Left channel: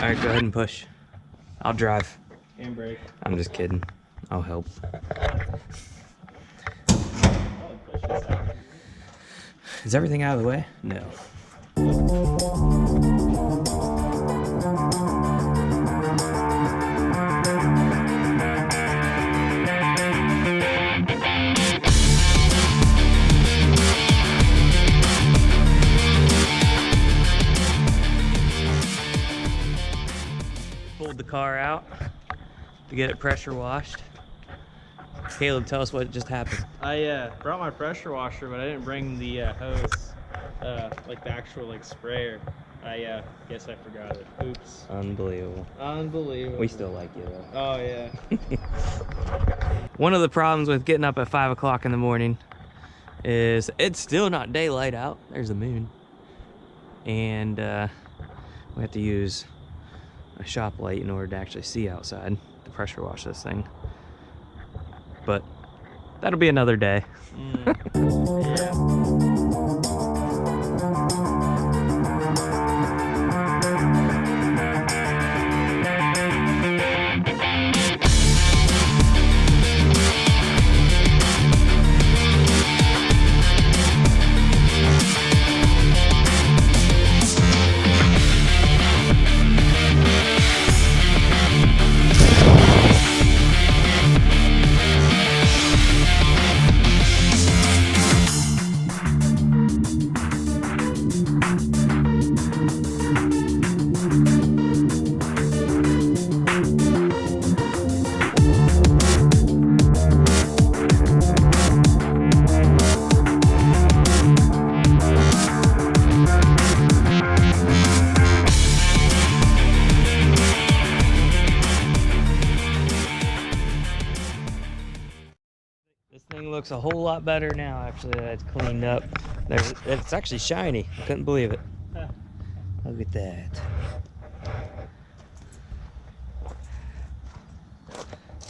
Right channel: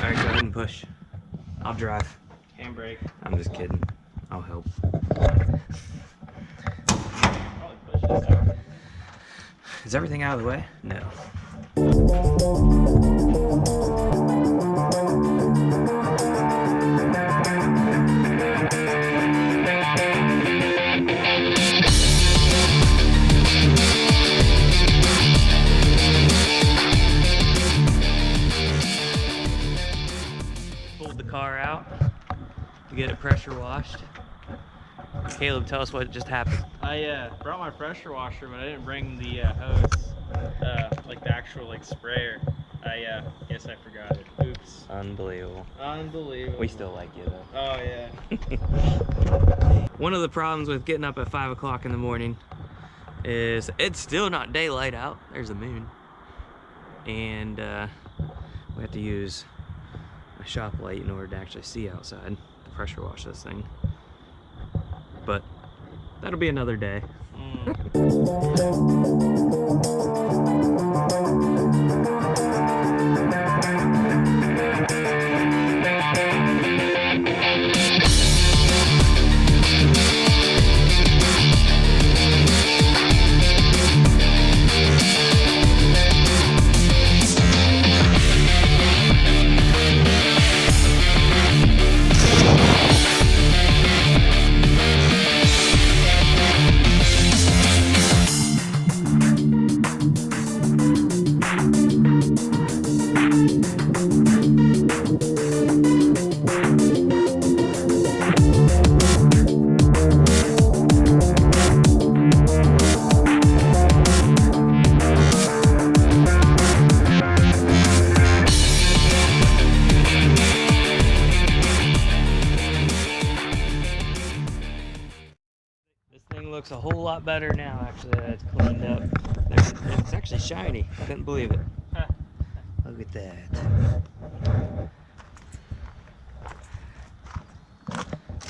All right, go ahead and push. I'll drive. Handbrake. I'm just kidding. I'll help. Probably push this out. Is everything out of the way? No. Pulled the car out to get it pressure washed. Caleb, tell us what just happened. I brought my pressure washer, but I didn't bring the hose, like the actual like sprayer. I guess I forgot it. Oops. Unbelievable. Unbelievable. We still like you though. Oh yeah. One of the problems with getting up at 5 o'clock in the morning is it's still not daylight out. There's the moon. And we have to use a shop light in order to actually see outside to pressure wash this thing. But that'll be another day. This thing looks a whole lot better now, actually, that it's cleaned up. It's actually shiny. I couldn't believe it. Look at that.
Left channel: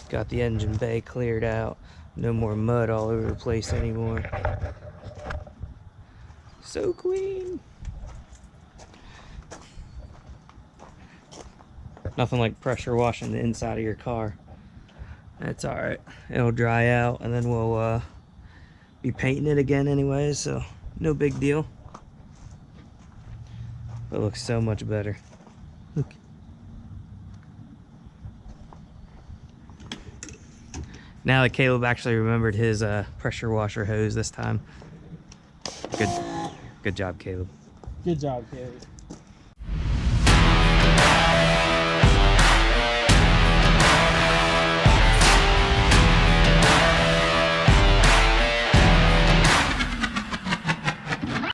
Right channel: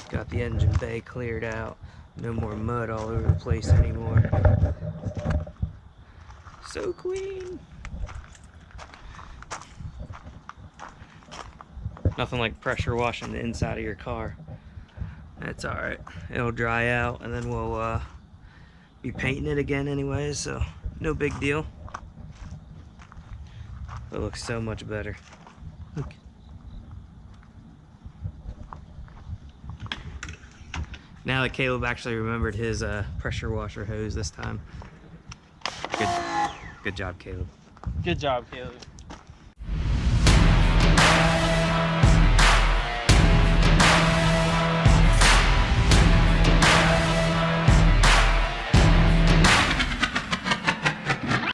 Got the engine bay cleared out. No more mud all over the place anymore. So clean. Nothing like pressure washing the inside of your car. That's all right. It'll dry out and then we'll be painting it again anyways, so no big deal. It looks so much better. Look. Now that Caleb actually remembered his pressure washer hose this time. Good job, Caleb. Good job, Caleb.